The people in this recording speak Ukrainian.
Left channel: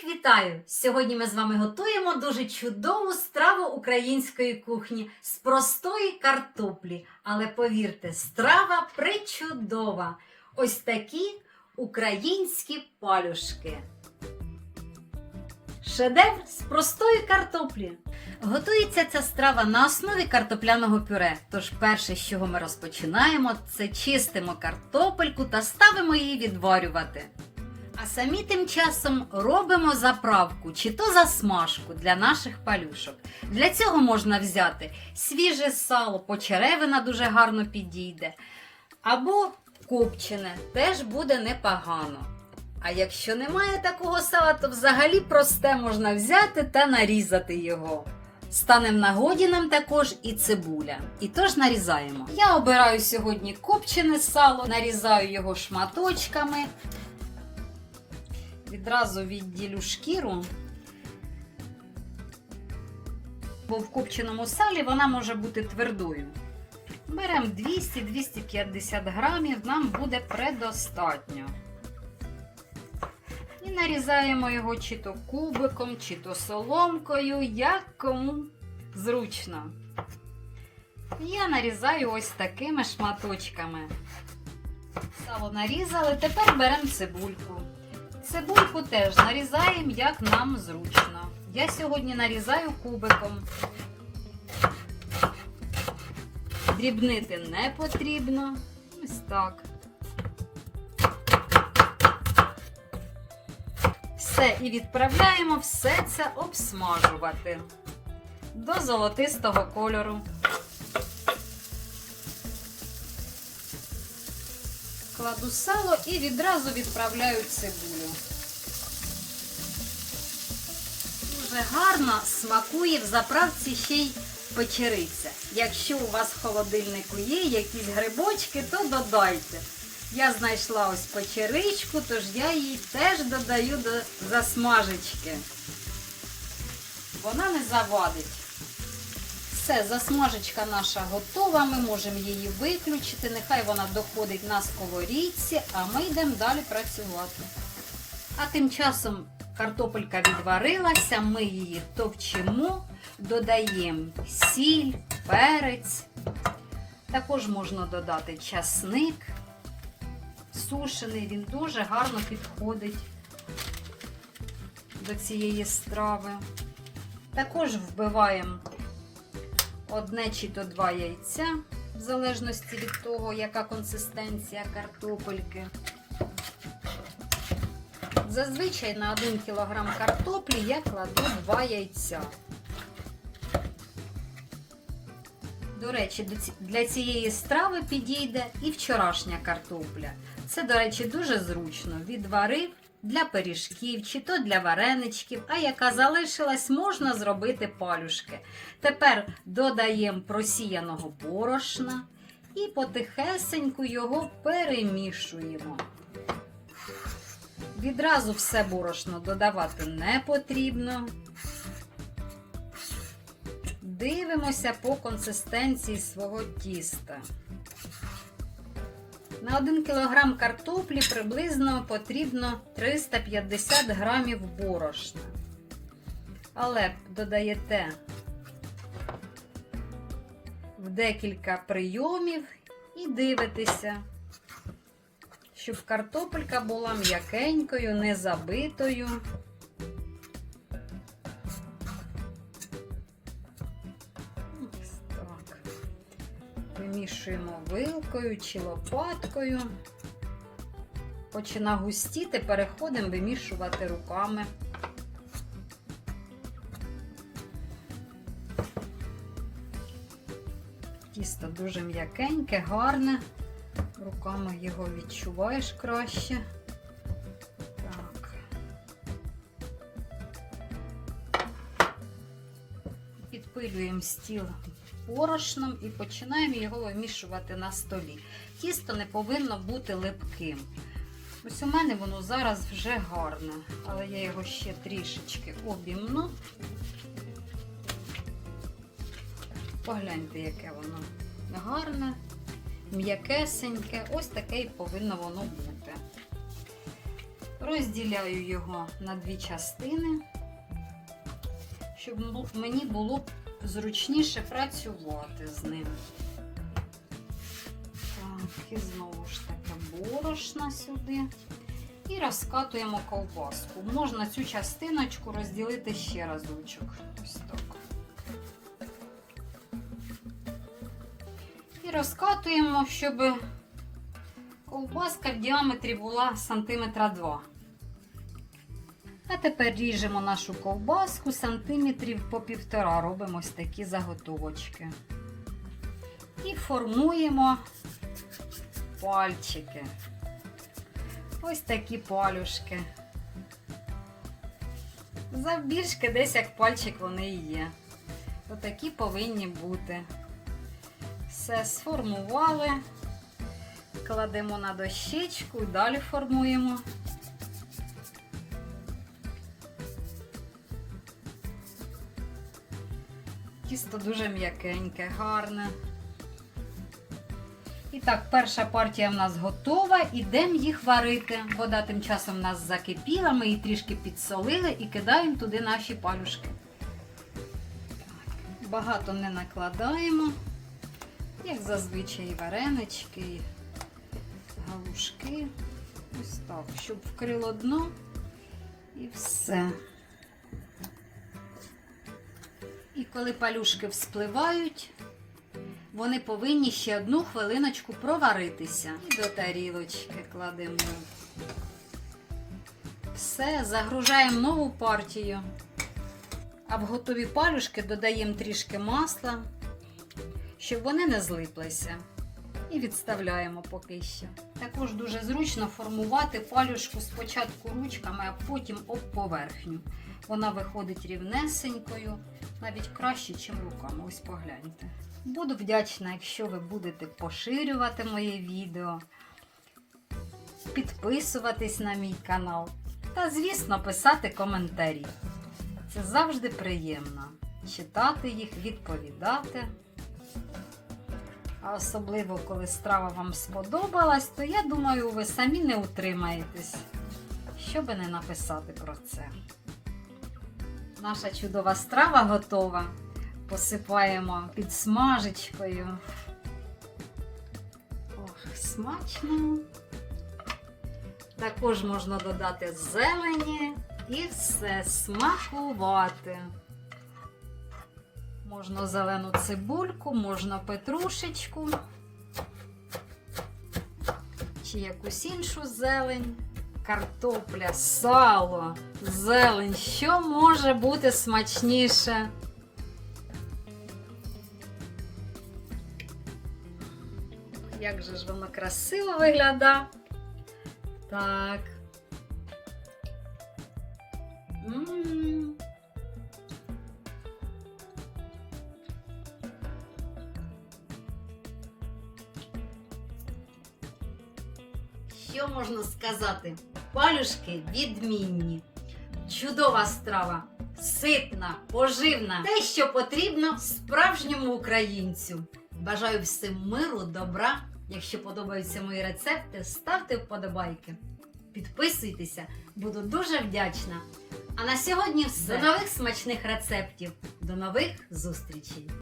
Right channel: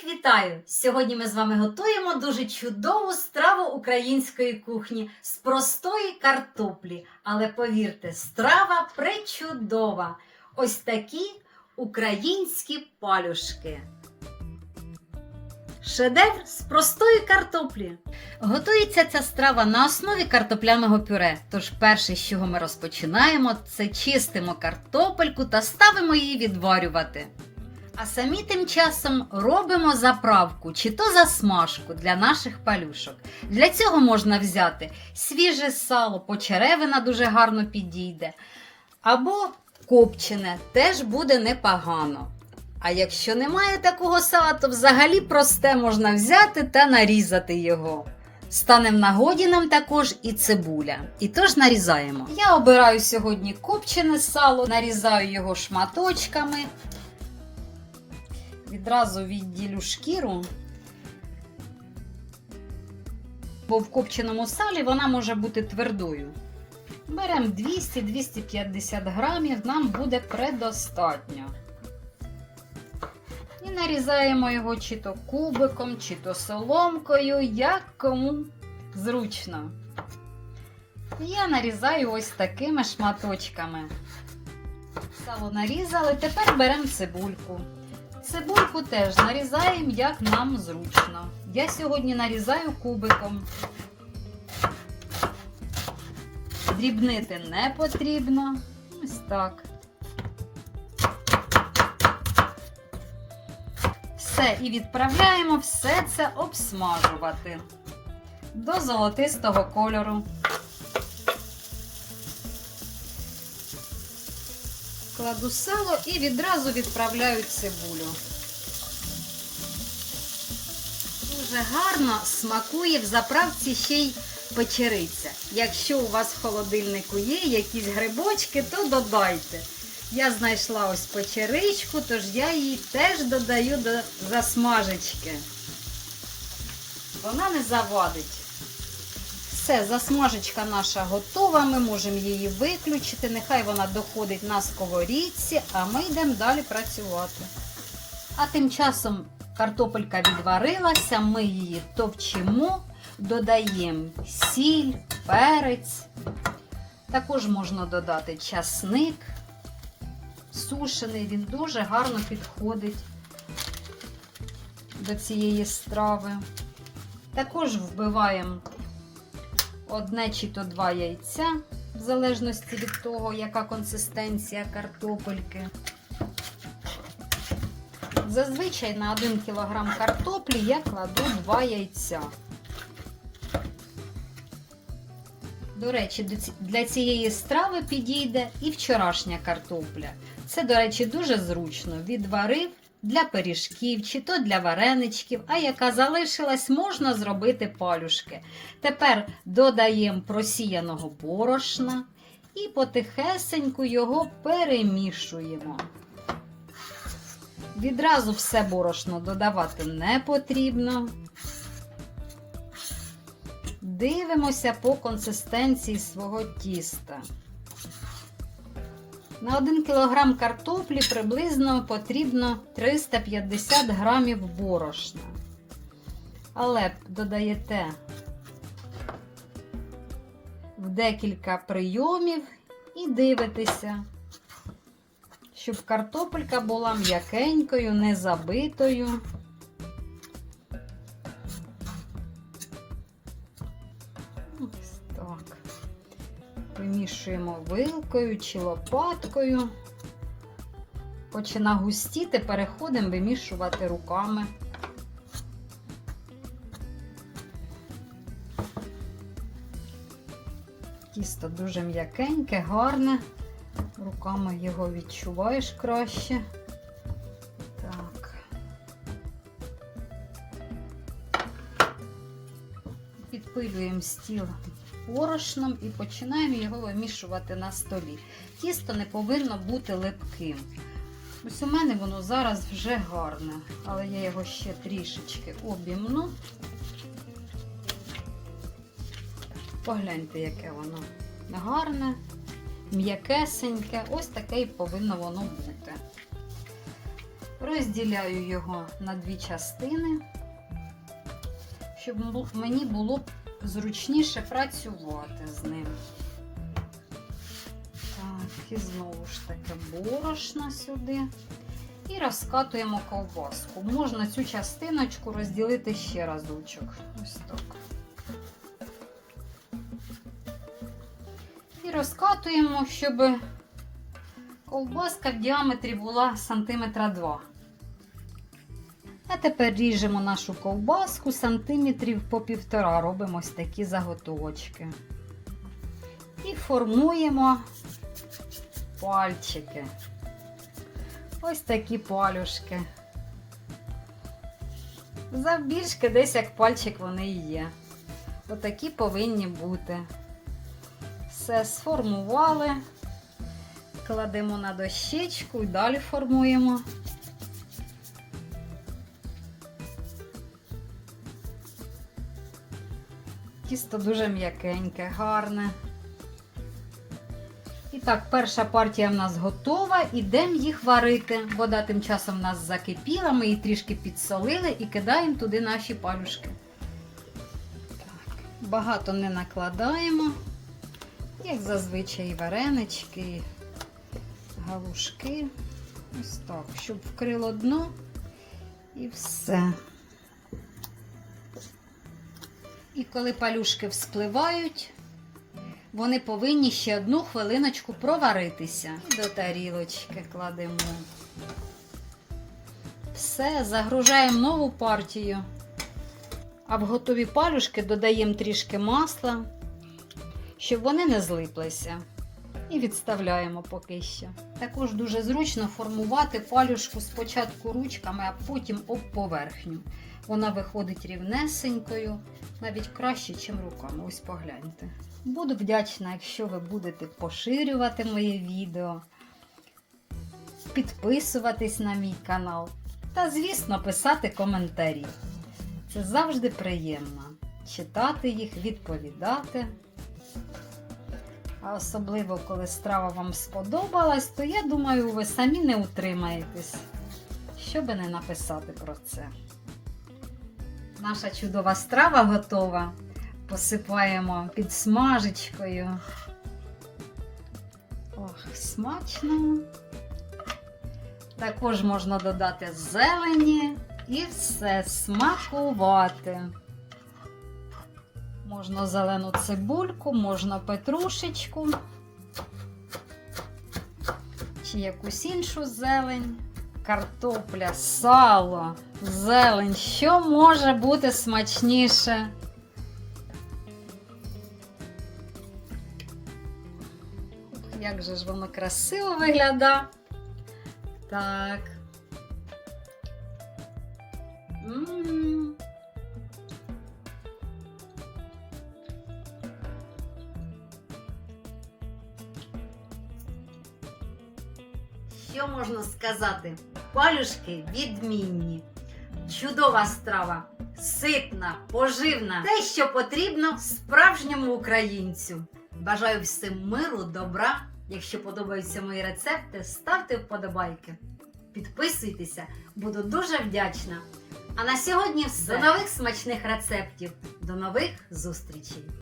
Всіх вітаю! Сьогодні ми з вами готуємо дуже чудову страву української кухні з простої картоплі. Але повірте, страва причудова. Ось такі українські палюшки. Шедевр з простої картоплі. Готується ця страва на основі картопляного пюре. Тож перше, з чого ми розпочинаємо, це чистимо картопельку та ставимо її відварювати. А самі тим часом робимо заправку чи то засмажку для наших палюшок. Для цього можна взяти свіже сало, почеревина дуже гарно підійде. Або копчене теж буде непогано. А якщо немає такого сала, то взагалі просте можна взяти та нарізати його. Стане в нагоді нам також і цибуля. І тож нарізаємо. Я обираю сьогодні копчене сало, нарізаю його шматочками. Відразу відділю шкіру, бо в копченому салі вона може бути твердою. Беремо 200-250 грамів, нам буде предостатньо. І нарізаємо його чи то кубиком, чи то соломкою, як кому зручно. Я нарізаю ось такими шматочками. Сало нарізали, тепер беремо цибульку. Цибульку теж нарізаємо, як нам зручно. Я сьогодні нарізаю кубиком. Дрібнити не потрібно. Ось так. Все, і відправляємо все це обсмажувати до золотистого кольору. Кладу сало і відразу відправляю цибулю. Дуже гарно смакує в заправці ще й печериця. Якщо у вас в холодильнику є якісь грибочки, то додайте. Я знайшла ось печеричку, тож я її теж додаю до засмажечки. Вона не завадить. Все, засмажечка наша готова, ми можемо її виключити. Нехай вона доходить на сковорідці, а ми йдемо далі працювати. А тим часом картопелька відварилася, ми її товчимо, додаємо сіль, перець. Також можна додати часник сушений, він дуже гарно підходить до цієї страви. Також вбиваємо одне чи то два яйця, в залежності від того, яка консистенція картопельки. Зазвичай на 1 кг картоплі я кладу 2 яйця. До речі, для цієї страви підійде і вчорашня картопля. Це, до речі, дуже зручно. Відварив для пиріжків чи то для вареничків, а яка залишилась, можна зробити палюшки. Тепер додаємо просіяного борошна і потихесеньку його перемішуємо. Відразу все борошно додавати не потрібно. Дивимося по консистенції свого тіста. На 1 кг картоплі приблизно потрібно 350 грамів борошна. Але додаєте в декілька прийомів і дивитеся, щоб картопелька була м'якенькою, не забитою. Вимішуємо вилкою чи лопаткою. Почина густіти, переходимо вимішувати руками. Тісто дуже м'якеньке, гарне. Руками його відчуваєш краще. Так. Підпилюємо стіл борошном і починаємо його вимішувати на столі. Тісто не повинно бути липким. Ось у мене воно зараз вже гарне, але я його ще трішечки обімну. Погляньте, яке воно гарне, м'якесеньке, ось таке і повинно воно бути. Розділяю його на дві частини, щоб мені було зручніше працювати з ним. Так, і знову ж таки борошна сюди. І розкатуємо ковбаску. Можна цю частиночку розділити ще разочок. Ось так. І розкатуємо, щоб ковбаска в діаметрі була сантиметра 2. А тепер ріжемо нашу ковбаску сантиметрів по півтора. Робимо ось такі заготовочки. І формуємо пальчики. Ось такі палюшки. Завбільшки десь як пальчик вони і є. Отакі повинні бути. Все сформували, кладемо на дощечку і далі формуємо. Тісто дуже м'якеньке, гарне. І так, перша партія в нас готова. Ідемо їх варити. Вода тим часом в нас закипіла, ми її трішки підсолили і кидаємо туди наші палюшки. Так, багато не накладаємо, як зазвичай варенички, галушки. Ось так, щоб вкрило дно і все. І коли палюшки вспливають, вони повинні ще одну хвилиночку проваритися. І до тарілочки кладемо. Все, загружаємо нову партію. А в готові палюшки додаємо трішки масла, щоб вони не злиплися. І відставляємо поки що. Також дуже зручно формувати палюшку спочатку ручками, а потім об поверхню. Вона виходить рівнесенькою, навіть краще, ніж руками. Ось погляньте. Буду вдячна, якщо ви будете поширювати моє відео, підписуватись на мій канал та, звісно, писати коментарі. Це завжди приємно читати їх, відповідати. А особливо, коли страва вам сподобалась, то я думаю, ви самі не утримаєтесь, щоби не написати про це. Наша чудова страва готова. Посипаємо підсмажечкою. Ох, смачно. Також можна додати зелені і все смакувати. Можна зелену цибульку, можна петрушечку чи якусь іншу зелень. Картопля, сало, зелень. Що може бути смачніше? Як же ж воно красиво виглядає. Так. М. Що можна сказати? Палюшки відмінні. Чудова страва, ситна, поживна, те, що потрібно справжньому українцю. Бажаю всім миру, добра. Якщо подобаються мої рецепти, ставте вподобайки. Підписуйтеся, буду дуже вдячна. А на сьогодні все. До нових смачних рецептів. До нових зустрічей!